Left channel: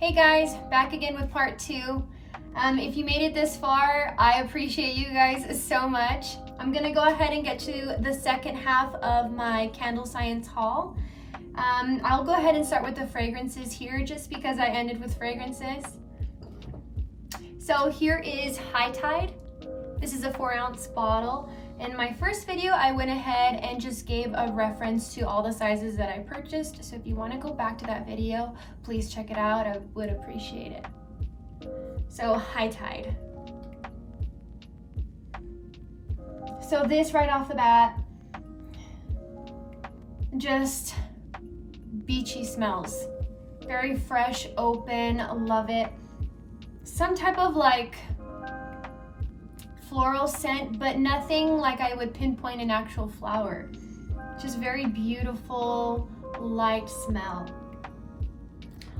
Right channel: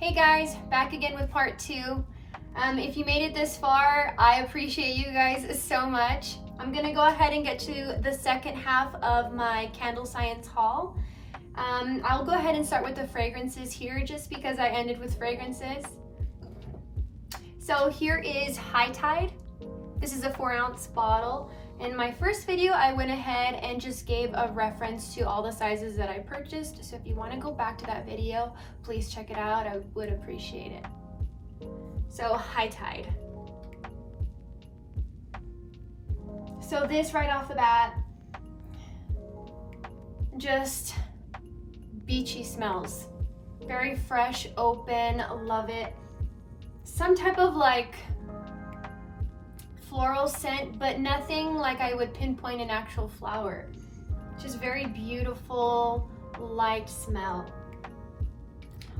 Hey guys, back again with part 2. If you made it this far, I appreciate you guys so much. I'm gonna go ahead and get to the second half of my candle science haul. I'll go ahead and start with the fragrances here just because I ended with fragrances. So here is High Tide. This is a 4-ounce bottle. In my first video, I went ahead and just gave a reference to all the sizes that I purchased. So if you want to go back to that video, please check it out. I would appreciate it. So High Tide. So this right off the bat, just beachy smells. Very fresh, open, love it. Some type of like floral scent, but nothing like I would pinpoint an actual flower. Just very beautiful, light smell.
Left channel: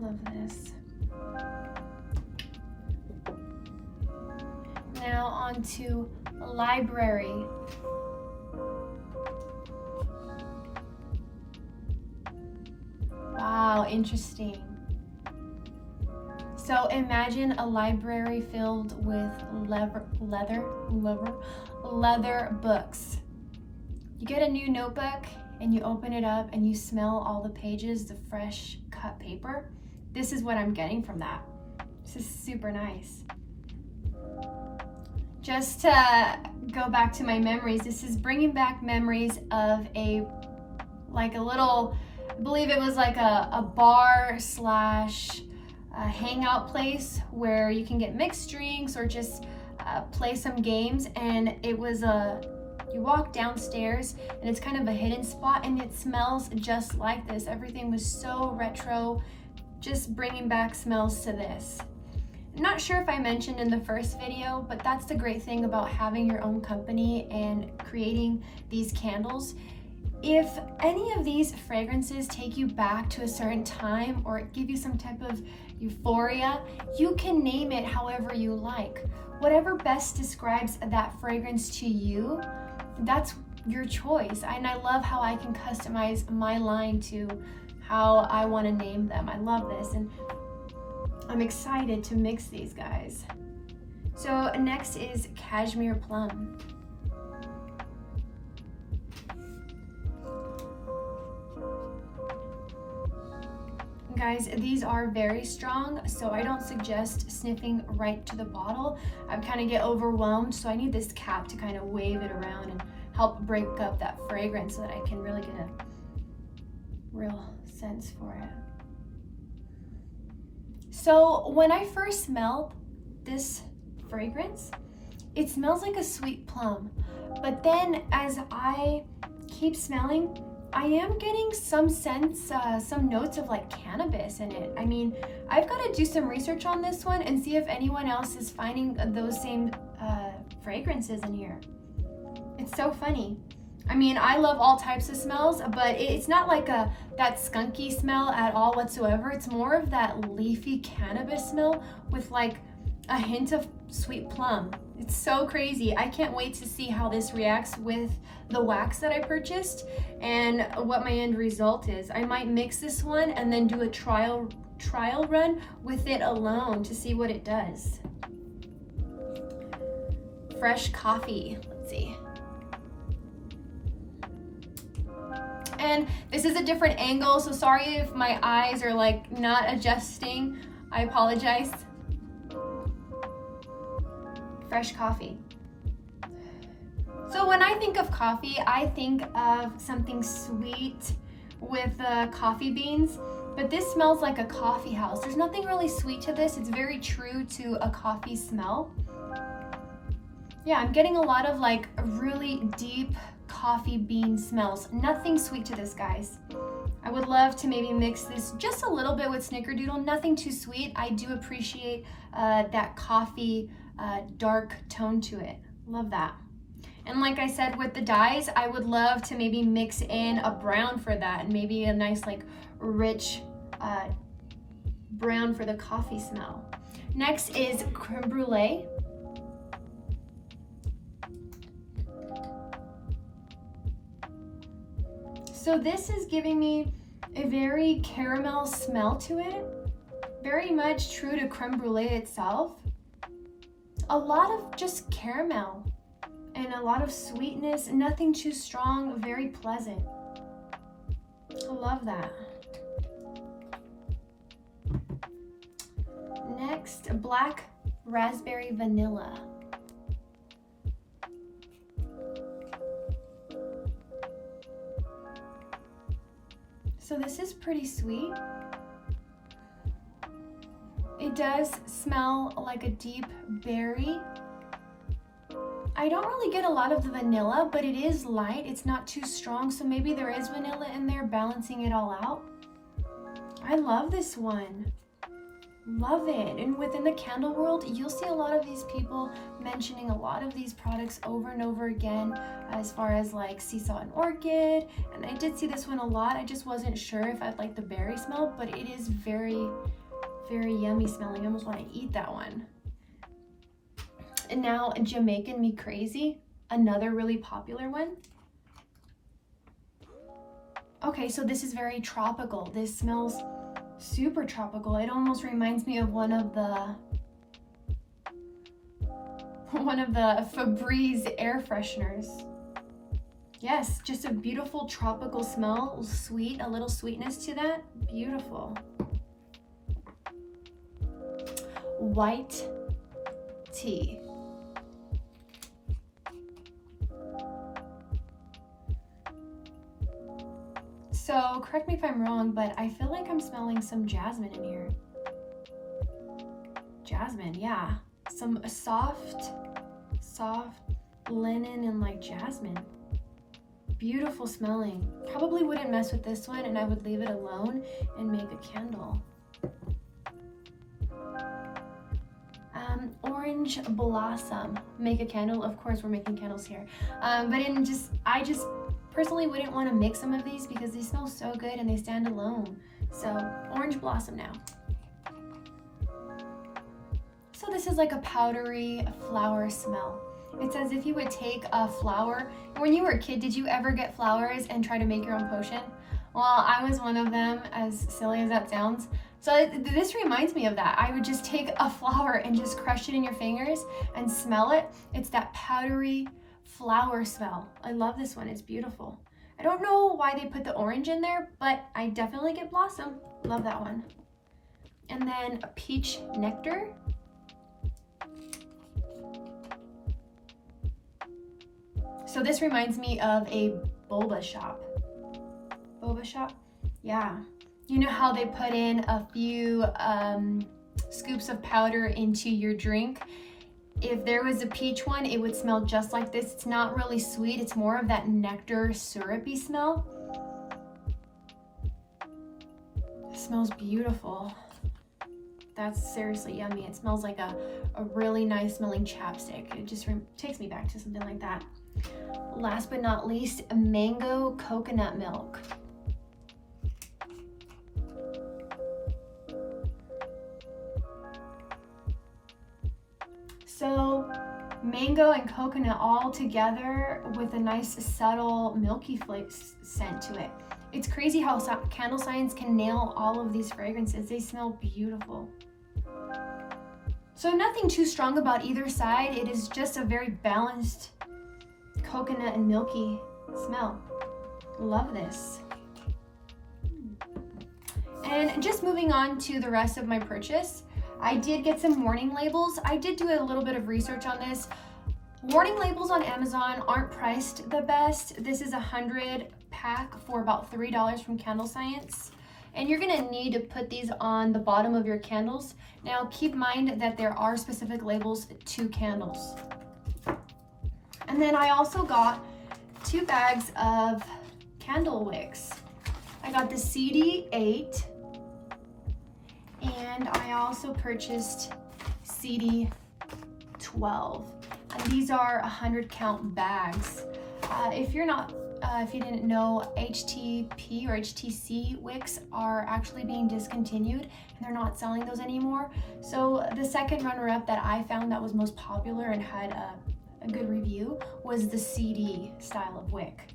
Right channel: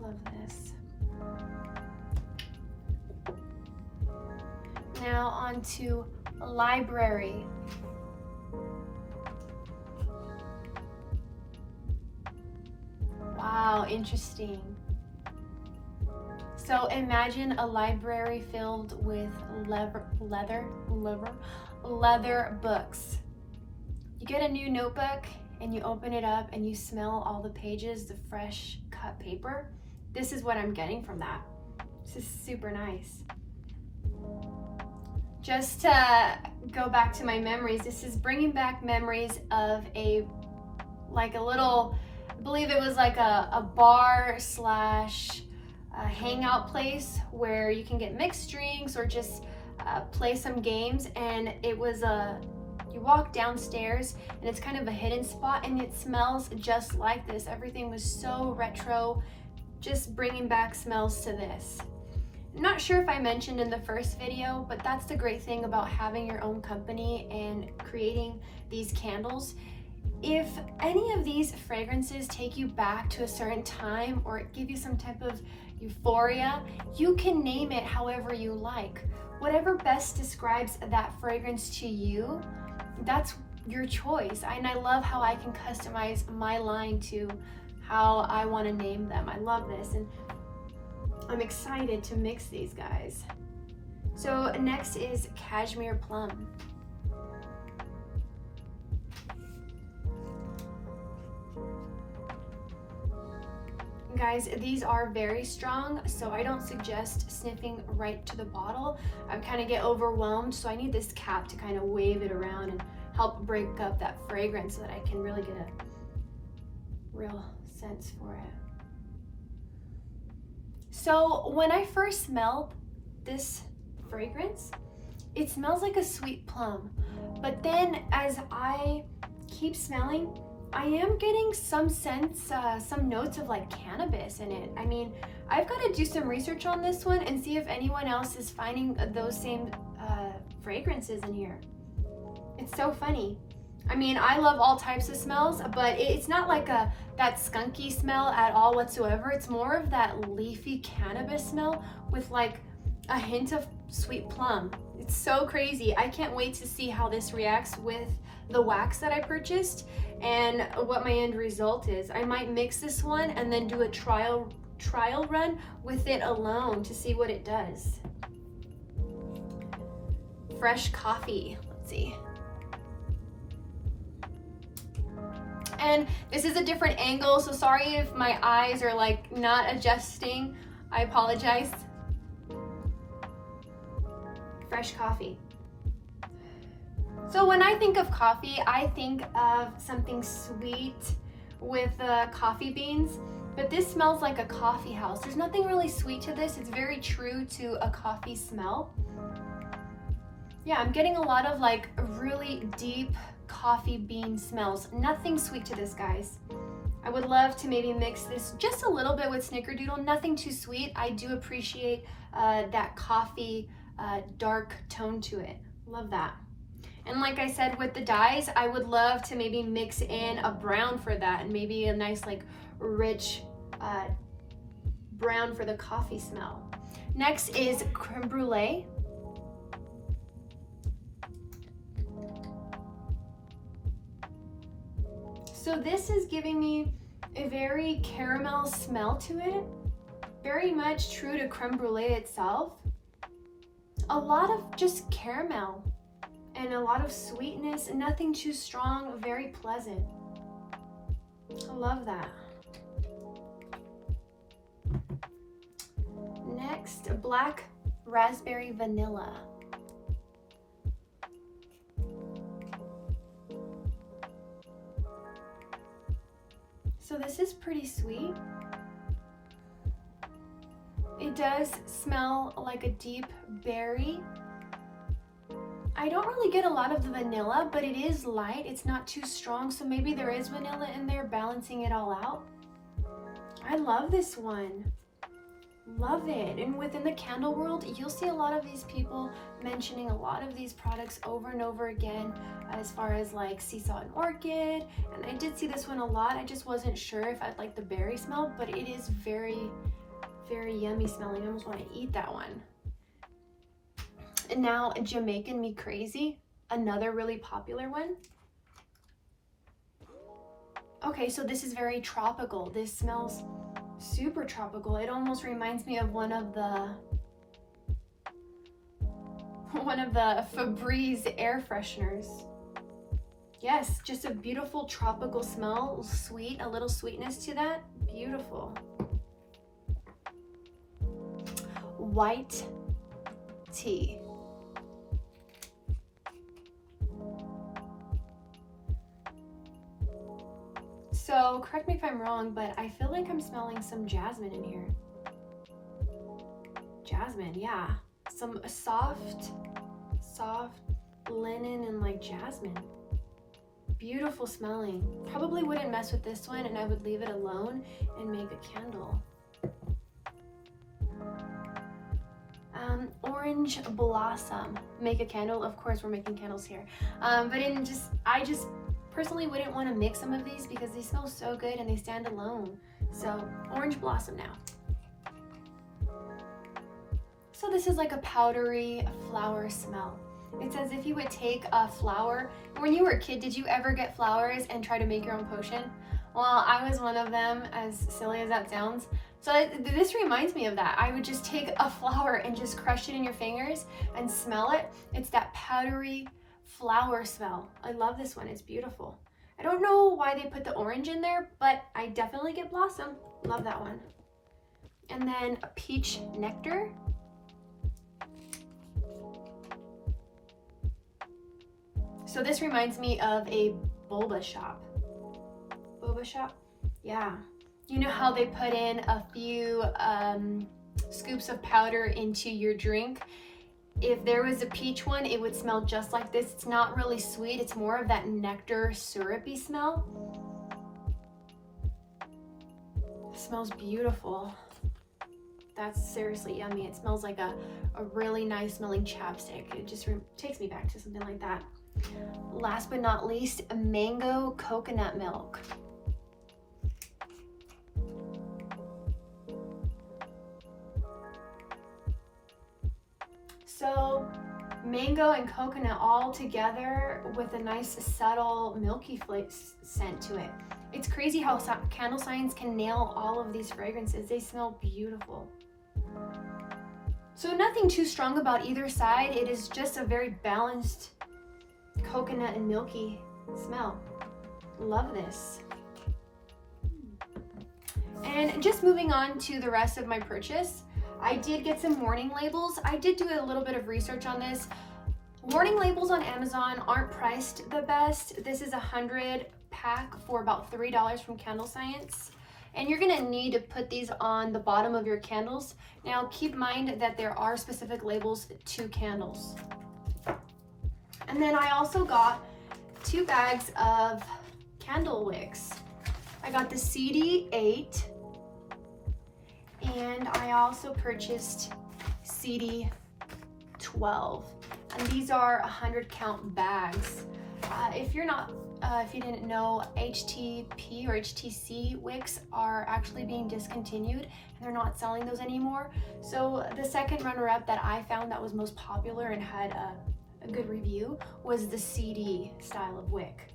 Love this. Now on to Library. Wow, interesting. So imagine a library filled with leather books. You get a new notebook and you open it up and you smell all the pages, the fresh cut paper. This is what I'm getting from that. This is super nice. Just to go back to my memories, this is bringing back memories of a little, I believe it was like a bar slash a hangout place where you can get mixed drinks or just play some games. And it was you walk downstairs and it's kind of a hidden spot and it smells just like this. Everything was so retro, just bringing back smells to this. I'm not sure if I mentioned in the first video, but that's the great thing about having your own company and creating these candles. If any of these fragrances take you back to a certain time or give you some type of euphoria, you can name it however you like. Whatever best describes that fragrance to you, that's your choice. And I love how I can customize my line to how I want to name them. I love this, and I'm excited to mix these guys. So next is Cashmere Plum. Guys, these are very strong, so I don't suggest sniffing right to the bottle. I kind of get overwhelmed, so I need this cap to kind of wave it around and help break up that fragrance so that I can really get a real sense for it. So when I first smelled this fragrance, it smells like a sweet plum, but then as I keep smelling, I am getting some sense, some notes of like cannabis in it. I mean, I've got to do some research on this one and see if anyone else is finding those same fragrances in here. It's so funny. I mean, I love all types of smells, but it's not like that skunky smell at all whatsoever. It's more of that leafy cannabis smell with like a hint of sweet plum. It's so crazy. I can't wait to see how this reacts with the wax that I purchased and what my end result is. I might mix this one and then do a trial run with it alone to see what it does. Fresh coffee. Let's see. And this is a different angle, so sorry if my eyes are like not adjusting. I apologize. Fresh coffee. So when I think of coffee, I think of something sweet with coffee beans, but this smells like a coffee house. There's nothing really sweet to this. It's very true to a coffee smell. Yeah, I'm getting a lot of like really deep coffee bean smells. Nothing sweet to this, guys. I would love to maybe mix this just a little bit with Snickerdoodle. Nothing too sweet. I do appreciate that coffee dark tone to it. Love that. And like I said with the dyes, I would love to maybe mix in a brown for that and maybe a nice like rich brown for the coffee smell. Next is Creme Brulee. So this is giving me a very caramel smell to it. Very much true to creme brulee itself. A lot of just caramel and a lot of sweetness, nothing too strong, very pleasant. I love that. Next, black raspberry vanilla. So this is pretty sweet. It does smell like a deep berry. I don't really get a lot of the vanilla, but it is light. It's not too strong, so maybe there is vanilla in there balancing it all out. I love this one. Love it. And within the candle world, you'll see a lot of these people mentioning a lot of these products over and over again, as far as like Salt and Orchid. And I did see this one a lot. I just wasn't sure if I'd like the berry smell, but it is very, very yummy smelling. I almost want to eat that one. And now Jamaican Me Crazy, another really popular one. Okay, so this is very tropical. This smells super tropical. It almost reminds me of one of the Febreze air fresheners. Yes, just a beautiful tropical smell, sweet, a little sweetness to that. Beautiful. White tea. So correct me if I'm wrong, but I feel like I'm smelling some jasmine in here. Jasmine, yeah. Some soft linen and like jasmine. Beautiful smelling. Probably wouldn't mess with this one, and I would leave it alone and make a candle. Orange Blossom. Make a candle. Of course, we're making candles here. But I just personally wouldn't want to mix some of these because they smell so good and they stand alone. So Orange Blossom now. So this is like a powdery flower smell. It's as if you would take a flower. When you were a kid, did you ever get flowers and try to make your own potion? Well, I was one of them, as silly as that sounds. So this reminds me of that. I would just take a flower and just crush it in your fingers and smell it. It's that powdery flower smell. I love this one. It's beautiful. I don't know why they put the orange in there, but I definitely get blossom. Love that one. And then a peach nectar. So this reminds me of a boba shop. Boba shop? Yeah. You know how they put in a few scoops of powder into your drink? If there was a peach one, it would smell just like this. It's not really sweet. It's more of that nectar syrupy smell. It smells beautiful. That's seriously yummy. It smells like a really nice smelling chapstick. It just takes me back to something like that. Last but not least, mango coconut milk. So mango and coconut all together with a nice subtle milky scent to it. It's crazy how candle science can nail all of these fragrances. They smell beautiful. So nothing too strong about either side. It is just a very balanced coconut and milky smell. Love this. And just moving on to the rest of my purchase, I did get some warning labels. I did do a little bit of research on this. Warning labels on Amazon aren't priced the best. This is a 100 pack for about $3 from Candle Science. And you're gonna need to put these on the bottom of your candles. Now keep in mind that there are specific labels to candles. And then I also got 2 bags of candle wicks. I got the CD8 and I also purchased CD12. And these are 100 count bags. If you didn't know, HTP or HTC wicks are actually being discontinued and they're not selling those anymore. So the second runner-up that I found that was most popular and had a good review was the CD Style of Wick.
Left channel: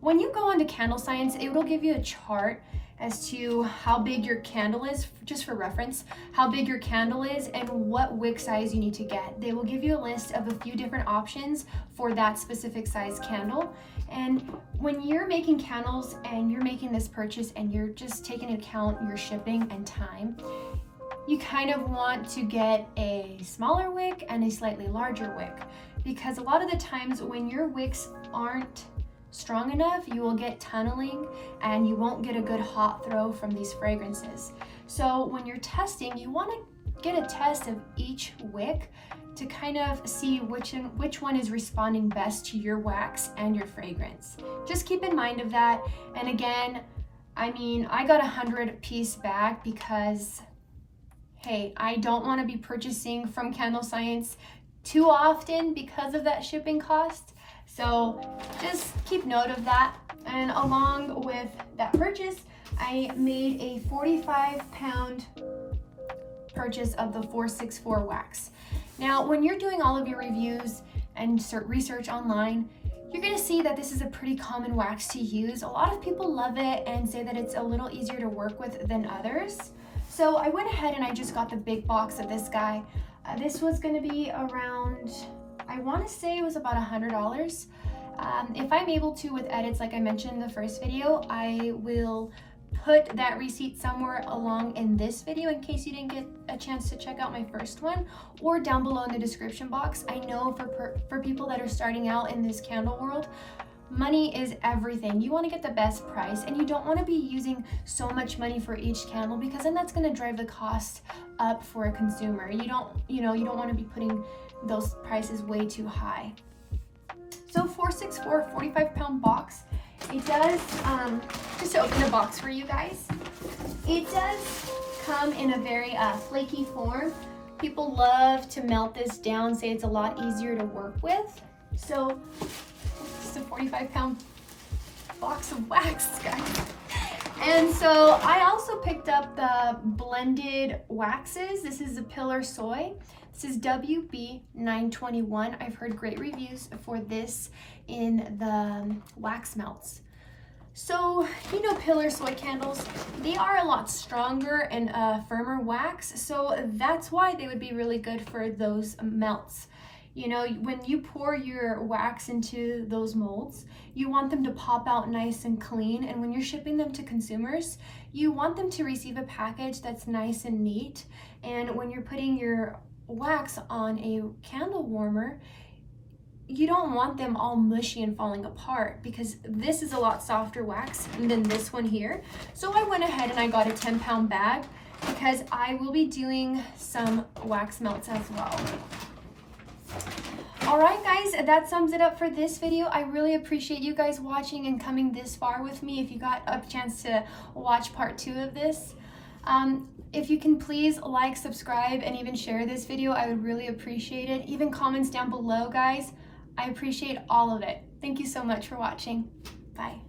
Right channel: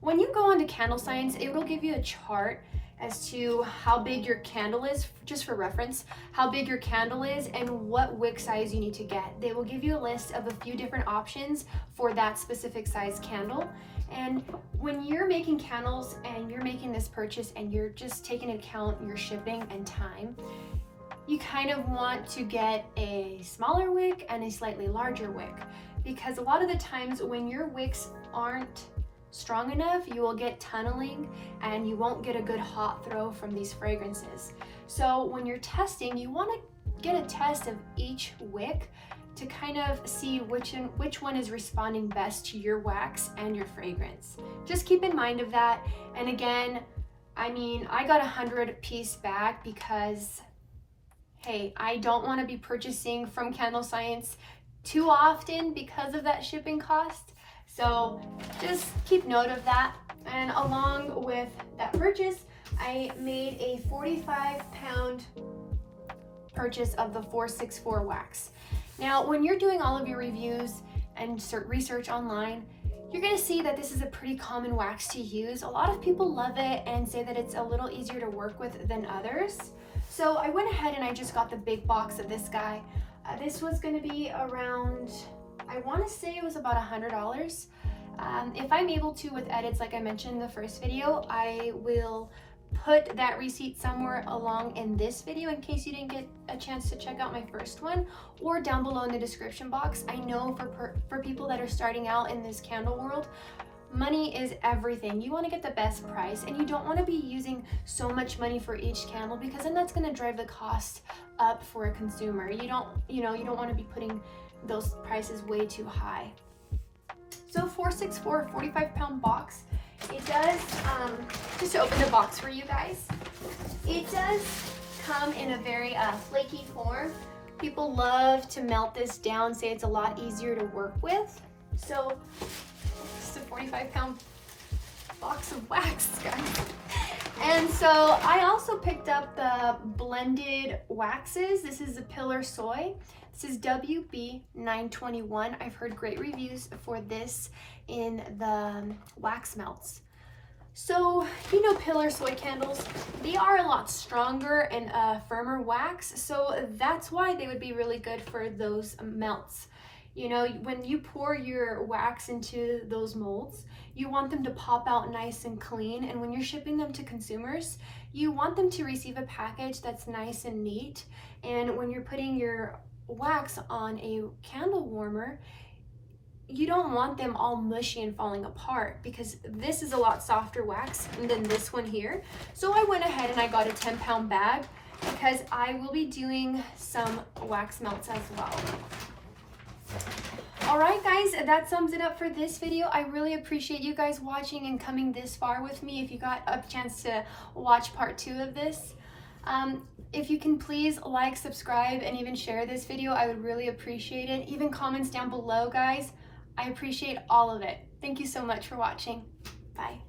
when you go onto Candle Science, it will give you a chart as to how big your candle is, just for reference, how big your candle is and what wick size you need to get. They will give you a list of a few different options for that specific size candle. And when you're making candles and you're making this purchase and you're just taking into account your shipping and time, you kind of want to get a smaller wick and a slightly larger wick, because a lot of the times when your wicks aren't strong enough, you will get tunneling and you won't get a good hot throw from these fragrances. So when you're testing, you want to get a test of each wick to kind of see which one is responding best to your wax and your fragrance. Just keep in mind of that. And again, I mean, I got a 100-piece bag because, hey, I don't want to be purchasing from Candle Science too often because of that shipping cost. So just keep note of that. And along with that purchase, I made a 45-pound purchase of the 464 wax. Now, when you're doing all of your reviews and research online, you're gonna see that this is a pretty common wax to use. A lot of people love it and say that it's a little easier to work with than others. So I went ahead and I just got the big box of this guy. This was gonna be around, I wanna say it was about $100. If I'm able to with edits, like I mentioned in the first video, I will put that receipt somewhere along in this video in case you didn't get a chance to check out my first one, or down below in the description box. I know for people that are starting out in this candle world, money is everything. You want to get the best price, and you don't want to be using so much money for each candle, because then that's going to drive the cost up for a consumer. You don't want to be putting those prices way too high. So 464 45-pound box. It does, just to open the box for you guys, it does come in a very flaky form. People love to melt this down, say it's a lot easier to work with. So just a 45-pound box of wax, guys. And so I also picked up the blended waxes. This is the Pillar Soy. This is WB921. I've heard great reviews for this in the wax melts. So, you know, Pillar Soy candles, they are a lot stronger and firmer wax, so that's why they would be really good for those melts. You know, when you pour your wax into those molds, you want them to pop out nice and clean, and when you're shipping them to consumers, you want them to receive a package that's nice and neat. And when you're putting your wax on a candle warmer, you don't want them all mushy and falling apart, because this is a lot softer wax than this one here. So I went ahead and I got a 10-pound bag because I will be doing some wax melts as well. All right, guys, that sums it up for this video. I really appreciate you guys watching and coming this far with me. If you got a chance to watch part 2 of this, if you can please like, subscribe, and even share this video, I would really appreciate it. Even comments down below, guys. I appreciate all of it. Thank you so much for watching. Bye.